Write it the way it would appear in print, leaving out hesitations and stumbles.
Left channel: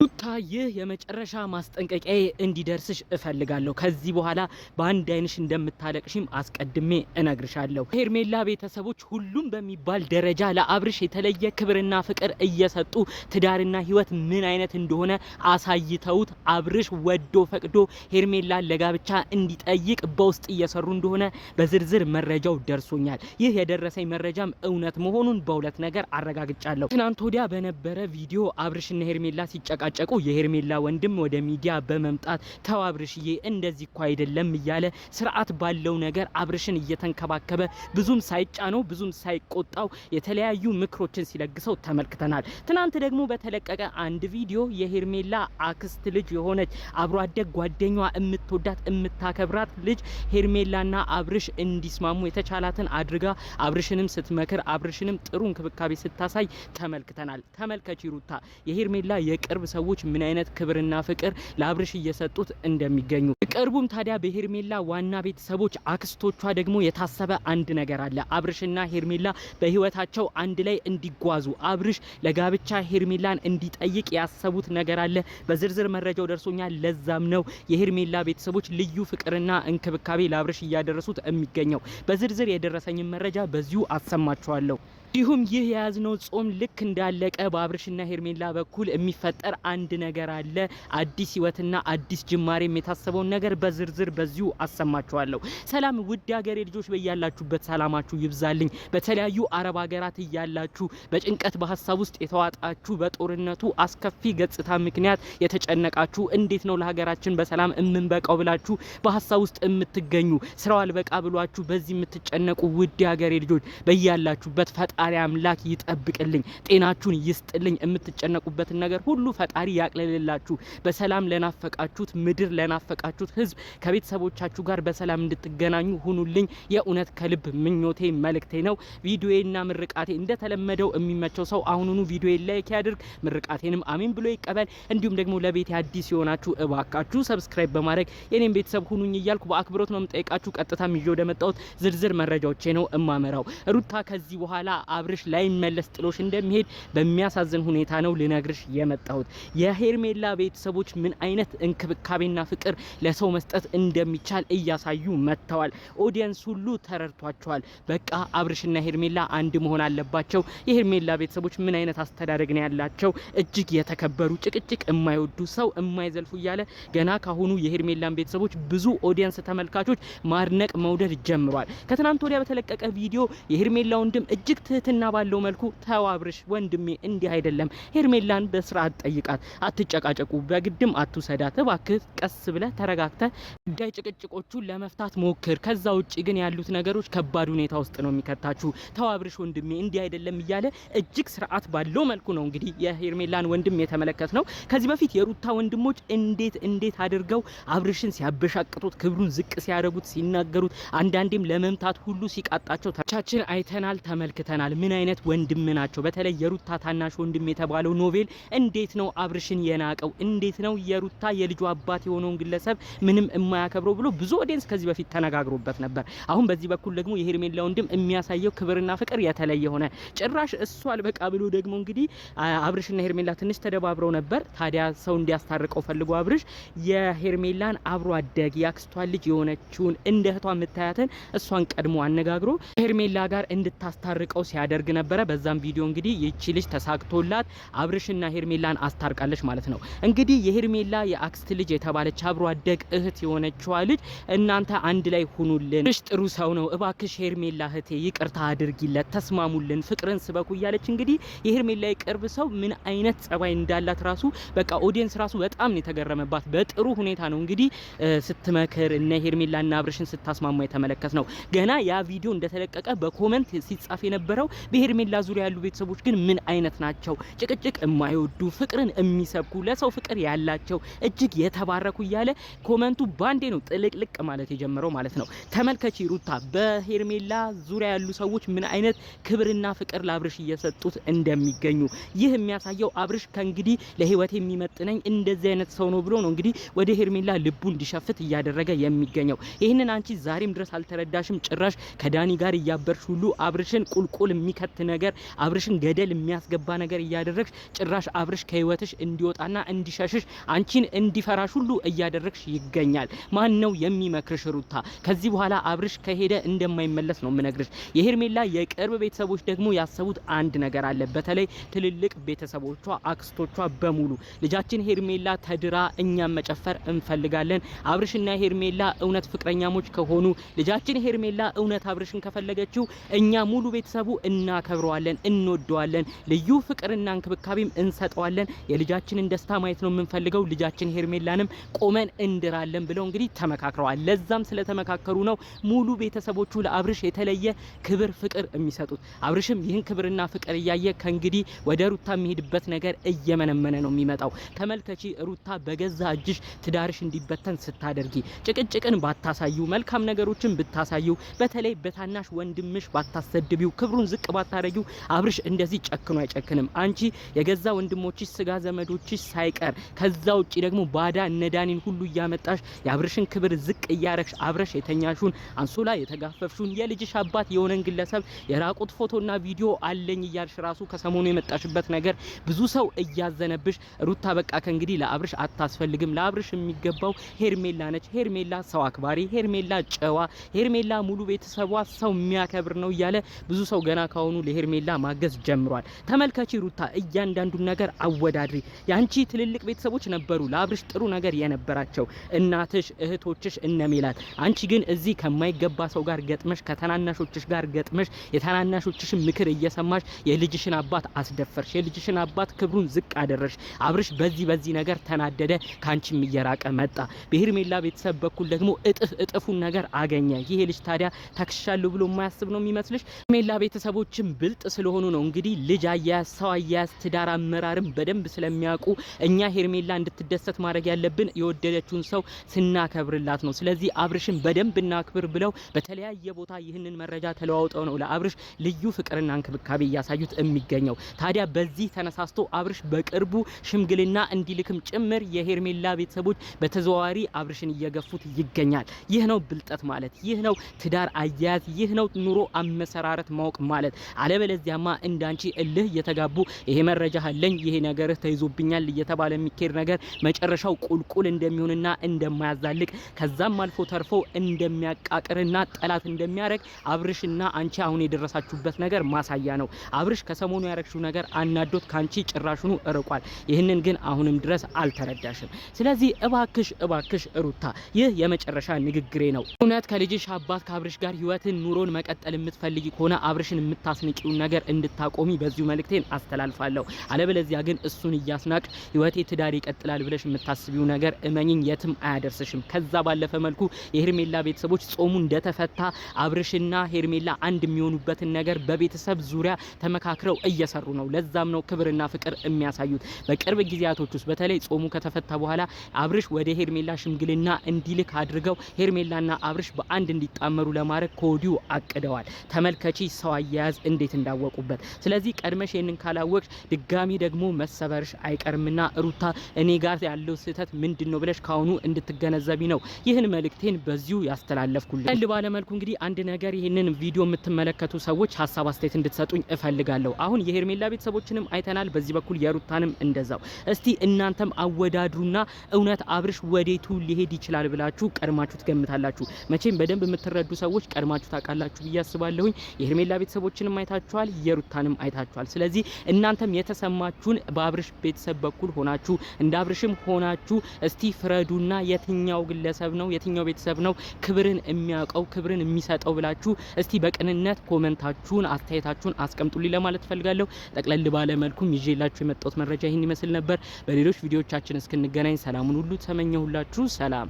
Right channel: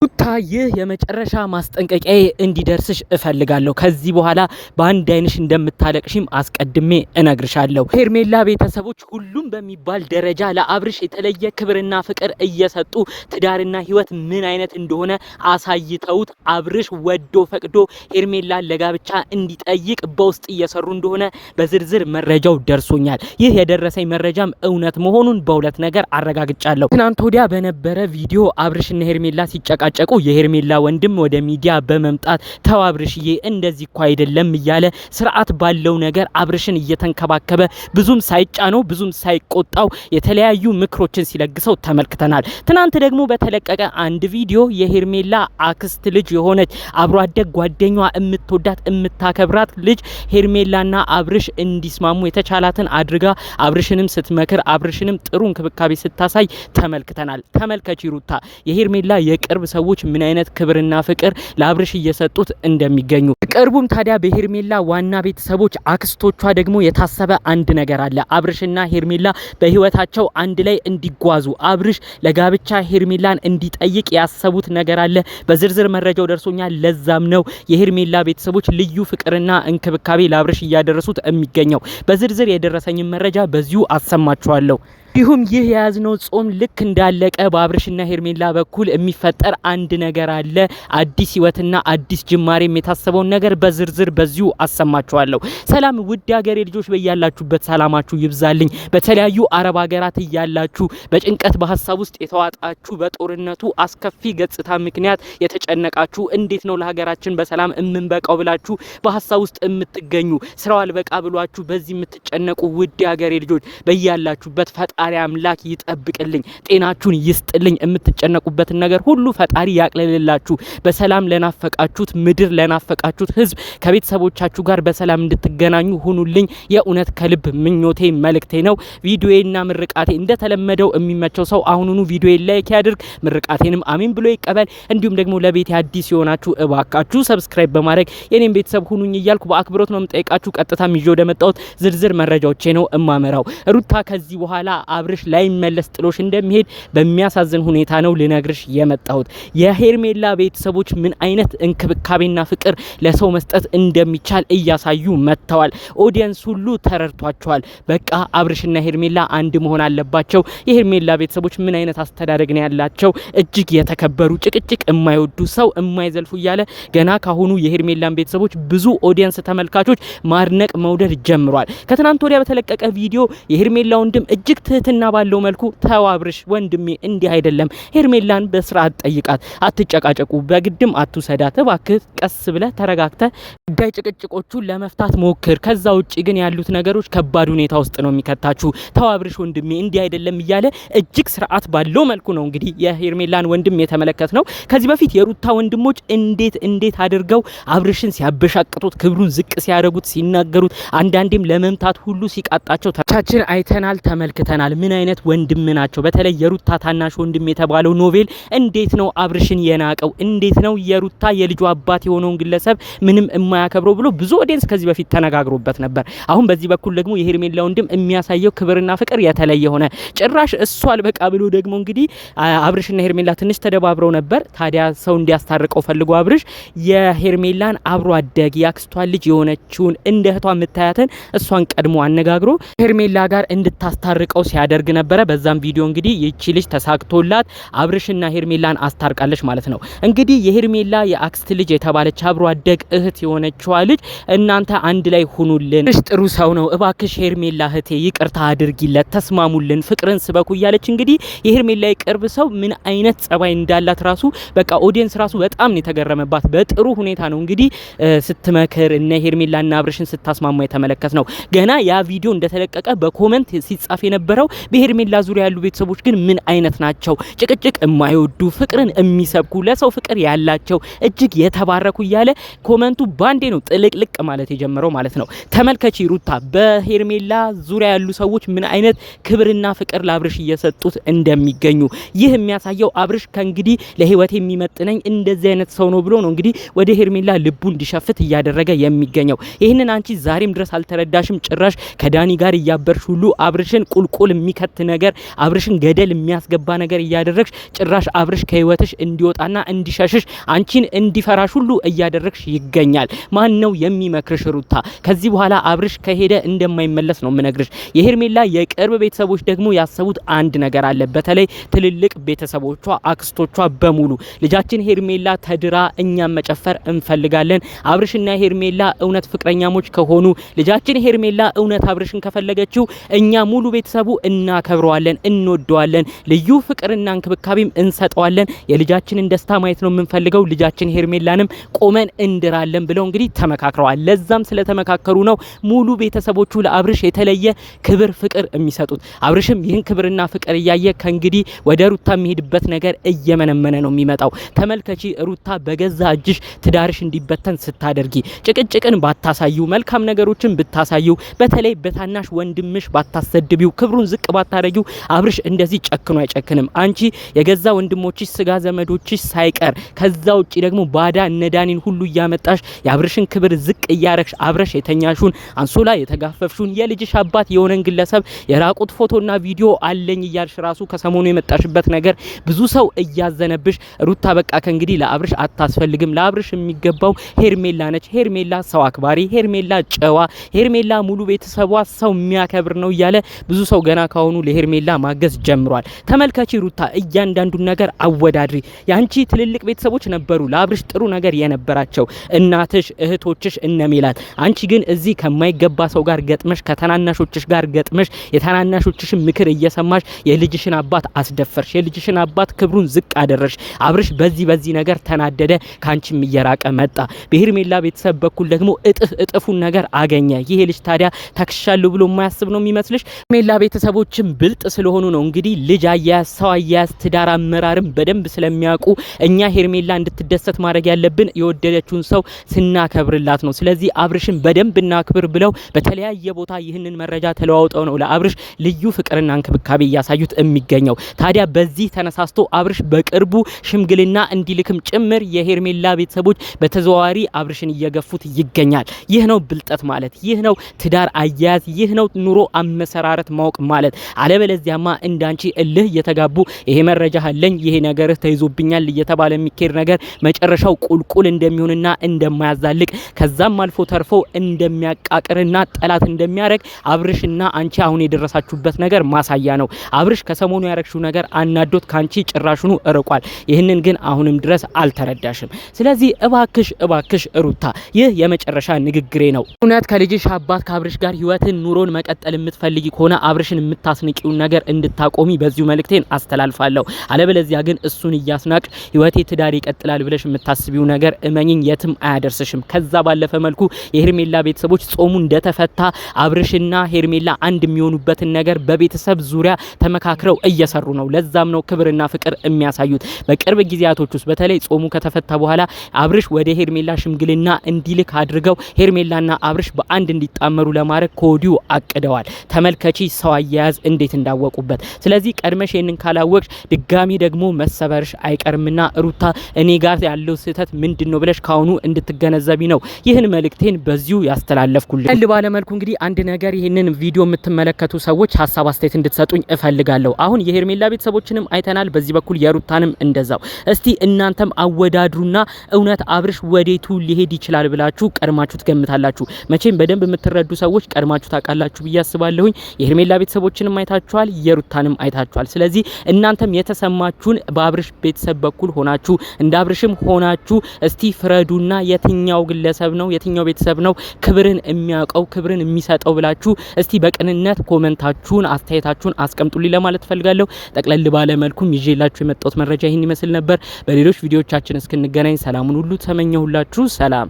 ሩታ ይህ የመጨረሻ ማስጠንቀቂያ እንዲደርስሽ እፈልጋለሁ። ከዚህ በኋላ በአንድ አይንሽ እንደምታለቅሽም አስቀድሜ እነግርሻለሁ። ሄርሜላ ቤተሰቦች ሁሉም በሚባል ደረጃ ለአብርሽ የተለየ ክብርና ፍቅር እየሰጡ ትዳርና ህይወት ምን አይነት እንደሆነ አሳይተውት አብርሽ ወዶ ፈቅዶ ሄርሜላን ለጋብቻ እንዲጠይቅ በውስጥ እየሰሩ እንደሆነ በዝርዝር መረጃው ደርሶኛል። ይህ የደረሰኝ መረጃም እውነት መሆኑን በሁለት ነገር አረጋግጫለሁ። ትናንት ወዲያ በነበረ ቪዲዮ አብርሽና ሄርሜላ ሲጨቃ የሄርሜላ ወንድም ወደ ሚዲያ በመምጣት ተው አብርሽዬ እንደዚህ እኮ አይደለም እያለ ስርዓት ባለው ነገር አብርሽን እየተንከባከበ ብዙም ሳይጫነው ብዙም ሳይቆጣው የተለያዩ ምክሮችን ሲለግሰው ተመልክተናል። ትናንት ደግሞ በተለቀቀ አንድ ቪዲዮ የሄርሜላ አክስት ልጅ የሆነች አብሮ አደግ ጓደኛዋ የምትወዳት የምታከብራት ልጅ ሄርሜላና አብርሽ እንዲስማሙ የተቻላትን አድርጋ አብርሽንም ስትመክር አብርሽንም ጥሩ እንክብካቤ ስታሳይ ተመልክተናል። ተመልከቺ ሩታ የሄርሜላ የቅርብ ሰዎች ምን አይነት ክብርና ፍቅር ለአብርሽ እየሰጡት እንደሚገኙ። ቅርቡም ታዲያ በሄርሜላ ዋና ቤተሰቦች አክስቶቿ ደግሞ የታሰበ አንድ ነገር አለ። አብርሽና ሄርሜላ በህይወታቸው አንድ ላይ እንዲጓዙ አብርሽ ለጋብቻ ሄርሜላን እንዲጠይቅ ያሰቡት ነገር አለ። በዝርዝር መረጃው ደርሶኛል። ለዛም ነው የሄርሜላ ቤተሰቦች ልዩ ፍቅርና እንክብካቤ ለአብርሽ እያደረሱት የሚገኘው። በዝርዝር የደረሰኝ መረጃ በዚሁ አሰማችኋለሁ። እንዲሁም ይህ የያዝነው ጾም ልክ እንዳለቀ በአብርሽና ሄርሜላ በኩል የሚፈጠር አንድ ነገር አለ። አዲስ ህይወትና አዲስ ጅማሬም የታሰበውን ነገር በዝርዝር በዚሁ አሰማችኋለሁ። ሰላም ውድ ሀገሬ ልጆች፣ በያላችሁበት ሰላማችሁ ይብዛልኝ። በተለያዩ አረብ ሀገራት እያላችሁ በጭንቀት በሀሳብ ውስጥ የተዋጣችሁ በጦርነቱ አስከፊ ገጽታ ምክንያት የተጨነቃችሁ እንዴት ነው ለሀገራችን በሰላም እምንበቃው ብላችሁ በሀሳብ ውስጥ የምትገኙ ስራው አልበቃ ብሏችሁ በዚህ የምትጨነቁ ውድ ሀገሬ ልጆች በያላችሁበት ፈጣሪ አምላክ ይጠብቅልኝ፣ ጤናችሁን ይስጥልኝ። የምትጨነቁበትን ነገር ሁሉ ፈጣሪ ያቅልልላችሁ። በሰላም ለናፈቃችሁት ምድር ለናፈቃችሁት ህዝብ ከቤተሰቦቻችሁ ጋር በሰላም እንድትገናኙ ሁኑልኝ። የእውነት ከልብ ምኞቴ መልእክቴ ነው። ቪዲዮዬና ምርቃቴ እንደተለመደው የሚመቸው ሰው አሁኑኑ ቪዲዮዬን ላይክ ያድርግ፣ ምርቃቴንም አሜን ብሎ ይቀበል። እንዲሁም ደግሞ ለቤት አዲስ የሆናችሁ እባካችሁ ሰብስክራይብ በማድረግ የኔን ቤተሰብ ሁኑኝ እያልኩ በአክብሮት ነው የምጠይቃችሁ። ቀጥታ ይዤ ወደ መጣሁት ዝርዝር መረጃዎቼ ነው እማመራው። ሩታ ከዚህ በኋላ አብርሽ ላይ መለስ ጥሎሽ እንደሚሄድ በሚያሳዝን ሁኔታ ነው ልነግርሽ የመጣሁት። የሄርሜላ ቤተሰቦች ምን አይነት እንክብካቤና ፍቅር ለሰው መስጠት እንደሚቻል እያሳዩ መጥተዋል። ኦዲየንስ ሁሉ ተረድቷቸዋል። በቃ አብርሽና ሄርሜላ አንድ መሆን አለባቸው። የሄርሜላ ቤተሰቦች ምን አይነት አስተዳደግ ነው ያላቸው? እጅግ የተከበሩ ጭቅጭቅ የማይወዱ ሰው የማይዘልፉ እያለ ገና ካሁኑ የሄርሜላን ቤተሰቦች ብዙ ኦዲየንስ ተመልካቾች ማድነቅ መውደድ ጀምሯል። ከትናንት ወዲያ በተለቀቀ ቪዲዮ የሄርሜላ ወንድም እጅግ ትህትና ባለው መልኩ ተው አብርሽ ወንድሜ እንዲህ አይደለም፣ ሄርሜላን በስርዓት ጠይቃት፣ አትጨቃጨቁ፣ በግድም አትውሰዳት፣ እባክህ ቀስ ብለህ ተረጋግተህ ጉዳይ ጭቅጭቆቹን ለመፍታት ሞክር። ከዛ ውጪ ግን ያሉት ነገሮች ከባድ ሁኔታ ውስጥ ነው የሚከታችሁ። ተው አብርሽ ወንድሜ እንዲህ አይደለም እያለ እጅግ ስርዓት ባለው መልኩ ነው እንግዲህ የሄርሜላን ወንድም የተመለከት ነው። ከዚህ በፊት የሩታ ወንድሞች እንዴት አድርገው አብርሽን ሲያበሻቅጡት፣ ክብሩን ዝቅ ሲያደርጉት፣ ሲናገሩት፣ አንዳንዴም ለመምታት ሁሉ ሲቃጣቸው ታችን አይተናል፣ ተመልክተናል። ምን አይነት ወንድም ናቸው? በተለይ የሩታ ታናሽ ወንድም የተባለው ኖቬል እንዴት ነው አብርሽን የናቀው? እንዴት ነው የሩታ የልጁ አባት የሆነውን ግለሰብ ምንም የማያከብረው ብሎ ብዙ ኦዲየንስ ከዚህ በፊት ተነጋግሮበት ነበር። አሁን በዚህ በኩል ደግሞ የሄርሜላ ወንድም የሚያሳየው ክብርና ፍቅር የተለየ ሆነ። ጭራሽ እሱ አልበቃ ብሎ ደግሞ እንግዲህ አብርሽና ሄርሜላ ትንሽ ተደባብረው ነበር። ታዲያ ሰው እንዲያስታርቀው ፈልጎ አብርሽ የሄርሜላን አብሮ አደግ ያክስቷን ልጅ የሆነችውን እንደ እህቷ የምታያትን እሷን ቀድሞ አነጋግሮ ሄርሜላ ጋር እንድታስታርቀው ሲያደርግ ነበረ። በዛም ቪዲዮ እንግዲህ ይቺ ልጅ ተሳክቶላት አብርሽና ሄርሜላን አስታርቃለች ማለት ነው። እንግዲህ የሄርሜላ የአክስት ልጅ የተባለች አብሮ አደግ እህት የሆነችዋ ልጅ እናንተ አንድ ላይ ሁኑልን፣ ጥሩ ሰው ነው፣ እባክሽ ሄርሜላ እህቴ ይቅርታ አድርጊለት፣ ተስማሙልን፣ ፍቅርን ስበኩ እያለች እንግዲህ የሄርሜላ የቅርብ ሰው ምን አይነት ጸባይ እንዳላት ራሱ በቃ ኦዲየንስ ራሱ በጣም ነው የተገረመባት። በጥሩ ሁኔታ ነው እንግዲህ ስትመክር እነ ሄርሜላና አብርሽን ስታስማማ የተመለከት ነው። ገና ያ ቪዲዮ እንደተለቀቀ በኮሜንት ሲጻፍ የነበረው በሄርሜላ ዙሪያ ያሉ ቤተሰቦች ግን ምን አይነት ናቸው? ጭቅጭቅ የማይወዱ ፍቅርን የሚሰብኩ ለሰው ፍቅር ያላቸው እጅግ የተባረኩ እያለ ኮመንቱ ባንዴ ነው ጥልቅልቅ ማለት የጀመረው ማለት ነው። ተመልከቺ ሩታ በሄርሜላ ዙሪያ ያሉ ሰዎች ምን አይነት ክብርና ፍቅር ለአብርሽ እየሰጡት እንደሚገኙ። ይህ የሚያሳየው አብርሽ ከእንግዲህ ለህይወት የሚመጥነኝ እንደዚህ አይነት ሰው ነው ብሎ ነው እንግዲህ ወደ ሄርሜላ ልቡ እንዲሸፍት እያደረገ የሚገኘው። ይህንን አንቺ ዛሬም ድረስ አልተረዳሽም። ጭራሽ ከዳኒ ጋር እያበርሽ ሁሉ አብርሽን ቁልቁል የሚከት ነገር አብርሽን ገደል የሚያስገባ ነገር እያደረግሽ ጭራሽ አብርሽ ከህይወትሽ እንዲወጣና እንዲሸሽሽ አንቺን እንዲፈራሽ ሁሉ እያደረግሽ ይገኛል። ማን ነው የሚመክርሽ ሩታ? ከዚህ በኋላ አብርሽ ከሄደ እንደማይመለስ ነው ምነግርሽ። የሄርሜላ የቅርብ ቤተሰቦች ደግሞ ያሰቡት አንድ ነገር አለ። በተለይ ትልልቅ ቤተሰቦቿ አክስቶቿ በሙሉ ልጃችን ሄርሜላ ተድራ እኛም መጨፈር እንፈልጋለን። አብርሽና ሄርሜላ እውነት ፍቅረኛሞች ከሆኑ ልጃችን ሄርሜላ እውነት አብርሽን ከፈለገችው እኛ ሙሉ ቤተሰቡ እናከብረዋለን፣ እንወደዋለን፣ ልዩ ፍቅርና እንክብካቤም እንሰጠዋለን። የልጃችንን ደስታ ማየት ነው የምንፈልገው። ልጃችን ሄርሜላንም ቆመን እንድራለን ብለው እንግዲህ ተመካክረዋል። ለዛም ስለተመካከሩ ነው ሙሉ ቤተሰቦቹ ለአብርሽ የተለየ ክብር ፍቅር የሚሰጡት። አብርሽም ይህን ክብርና ፍቅር እያየ ከእንግዲህ ወደ ሩታ የሚሄድበት ነገር እየመነመነ ነው የሚመጣው። ተመልከቺ ሩታ በገዛ እጅሽ ትዳርሽ እንዲበተን ስታደርጊ፣ ጭቅጭቅን ባታሳዩ፣ መልካም ነገሮችን ብታሳዩ፣ በተለይ በታናሽ ወንድምሽ ባታሰድቢው፣ ክብሩን ዝቅ ባታረጊው አብርሽ እንደዚህ ጨክኖ አይጨክንም። አንቺ የገዛ ወንድሞችሽ ስጋ ዘመዶችሽ ሳይቀር ከዛ ውጪ ደግሞ ባዳ እነዳኒን ሁሉ እያመጣሽ የአብርሽን ክብር ዝቅ እያረግሽ አብረሽ የተኛሹን አንሶላ የተጋፈፍሹን የልጅሽ አባት የሆነን ግለሰብ የራቁት ፎቶና ቪዲዮ አለኝ እያልሽ ራሱ ከሰሞኑ የመጣሽበት ነገር ብዙ ሰው እያዘነብሽ ሩታ በቃ ከእንግዲህ ለአብርሽ አታስፈልግም። ለአብርሽ የሚገባው ሄርሜላ ነች። ሄርሜላ ሰው አክባሪ፣ ሄርሜላ ጨዋ፣ ሄርሜላ ሙሉ ቤተሰቧ ሰው የሚያከብር ነው እያለ ብዙ ሰው ገና ካሁኑ ለሄርሜላ ማገዝ ጀምሯል። ተመልከቺ ሩታ እያንዳንዱን ነገር አወዳድሪ። ያንቺ ትልልቅ ቤተሰቦች ነበሩ ለአብርሽ ጥሩ ነገር የነበራቸው እናትሽ፣ እህቶችሽ እነሜላት። አንቺ ግን እዚህ ከማይገባ ሰው ጋር ገጥመሽ ከተናናሾችሽ ጋር ገጥመሽ የታናናሾችሽን ምክር እየሰማሽ የልጅሽን አባት አስደፈርሽ። የልጅሽን አባት ክብሩን ዝቅ አደረሽ። አብርሽ በዚህ ነገር ተናደደ፣ ካንቺም እየራቀ መጣ። በሄርሜላ ቤተሰብ በኩል ደግሞ እጥፉን ነገር አገኘ። ይሄ ልጅ ታዲያ ተክሻለሁ ብሎ የማያስብ ነው የሚመስልሽ? ሄርሜላ ቤተሰቦችም ብልጥ ስለሆኑ ነው እንግዲህ ልጅ አያያዝ፣ ሰው አያያዝ፣ ትዳር አመራርም በደንብ ስለሚያውቁ እኛ ሄርሜላ እንድትደሰት ማድረግ ያለብን የወደደችውን ሰው ስናከብርላት ነው። ስለዚህ አብርሽን በደንብ እናክብር ብለው በተለያየ ቦታ ይህንን መረጃ ተለዋውጠው ነው ለአብርሽ ልዩ ፍቅርና እንክብካቤ እያሳዩት የሚገኘው። ታዲያ በዚህ ተነሳስቶ አብርሽ በቅርቡ ሽምግልና እንዲልክም ጭምር የሄርሜላ ቤተሰቦች በተዘዋዋሪ አብርሽን እየገፉት ይገኛል። ይህ ነው ብልጠት ማለት፣ ይህ ነው ትዳር አያያዝ፣ ይህ ነው ኑሮ አመሰራረት ማወቅ ማለት። አለበለዚያማ እንዳንቺ እልህ እየተጋቡ ይሄ መረጃ አለኝ ይሄ ነገር ተይዞብኛል እየተባለ የሚኬድ ነገር መጨረሻው ቁልቁል እንደሚሆንና እንደማያዛልቅ ከዛም አልፎ ተርፎ እንደሚያቃቅርና ጠላት እንደሚያረግ አብርሽና አንቺ አሁን የደረሳችሁበት ነገር ማሳያ ነው። አብርሽ ከሰሞኑ ያረግሽው ነገር አናዶት ካንቺ ጭራሹኑ እርቋል። ይህንን ግን አሁንም ድረስ አልተረዳሽም። ስለዚህ እባክሽ ሩታ ይህ የመጨረሻ ንግግሬ ነው። እውነት ከልጅሽ አባት ከአብርሽ ጋር ህይወትን ኑሮን መቀጠል የምትፈልጊ ከሆነ አብርሽን የምታስንቂውን ነገር እንድታቆሚ በዚሁ መልእክቴን አስተላልፋለሁ። አለበለዚያ ግን እሱን እያስናቅሽ ህይወቴ ትዳር ይቀጥላል ብለሽ የምታስቢው ነገር እመኝኝ የትም አያደርስሽም። ከዛ ባለፈ መልኩ የሄርሜላ ቤተሰቦች ጾሙ እንደተፈታ አብርሽና ሄርሜላ አንድ የሚሆኑበትን ነገር በቤተሰብ ዙሪያ ተመካክረው እየሰሩ ነው። ለዛም ነው ክብርና ፍቅር የሚያሳዩት። በቅርብ ጊዜያቶች ውስጥ በተለይ ጾሙ ከተፈታ በኋላ አብርሽ ወደ ሄርሜላ ሽምግልና እንዲልክ አድርገው ሄርሜላና አብርሽ በአንድ እንዲጣመሩ ለማድረግ ከወዲሁ አቅደዋል። ተመልከቺ ሰው አያያዝ እንዴት እንዳወቁበት። ስለዚህ ቀድመሽ ይሄንን ካላወቅሽ ድጋሚ ደግሞ መሰበርሽ አይቀርምና ሩታ እኔ ጋር ያለው ስህተት ምንድነው ብለሽ ካሁኑ እንድትገነዘቢ ነው ይህን መልእክቴን በዚሁ ያስተላለፍኩልኝ። ባለ መልኩ እንግዲህ አንድ ነገር ይህንን ቪዲዮ የምትመለከቱ ሰዎች ሀሳብ አስተያየት እንድትሰጡኝ እፈልጋለሁ። አሁን የሄርሜላ ቤተሰቦችንም አይተናል፣ በዚህ በኩል የሩታንም እንደዛው። እስቲ እናንተም አወዳድሩና እውነት አብርሽ ወዴቱ ሊሄድ ይችላል ብላችሁ ቀድማችሁ ትገምታላችሁ? መቼም በደንብ የምትረዱ ሰዎች ቀድማችሁ ታውቃላችሁ ብዬ አስባለሁኝ። የሄርሜላ ቤተሰቦችንም አይታችኋል፣ የሩታንም አይታችኋል። ስለዚህ እናንተም የተሰማችሁን በአብርሽ ቤተሰብ በኩል ሆናችሁ እንደ አብርሽም ሆናችሁ እስቲ ፍረዱና የትኛው ግለሰብ ነው የትኛው ቤተሰብ ነው ክብርን የሚያውቀው ክብርን የሚሰጠው ብላችሁ እስቲ በቅንነት ኮሜንታችሁን አስተያየታችሁን አስቀምጡልኝ ለማለት ፈልጋለሁ። ጠቅለል ባለ መልኩም ይዤላችሁ የመጣሁት መረጃ ይህን ይመስል ነበር። በሌሎች ቪዲዮዎቻችን እስክንገናኝ ሰላሙን ሁሉ ተመኘሁላችሁ። ሰላም።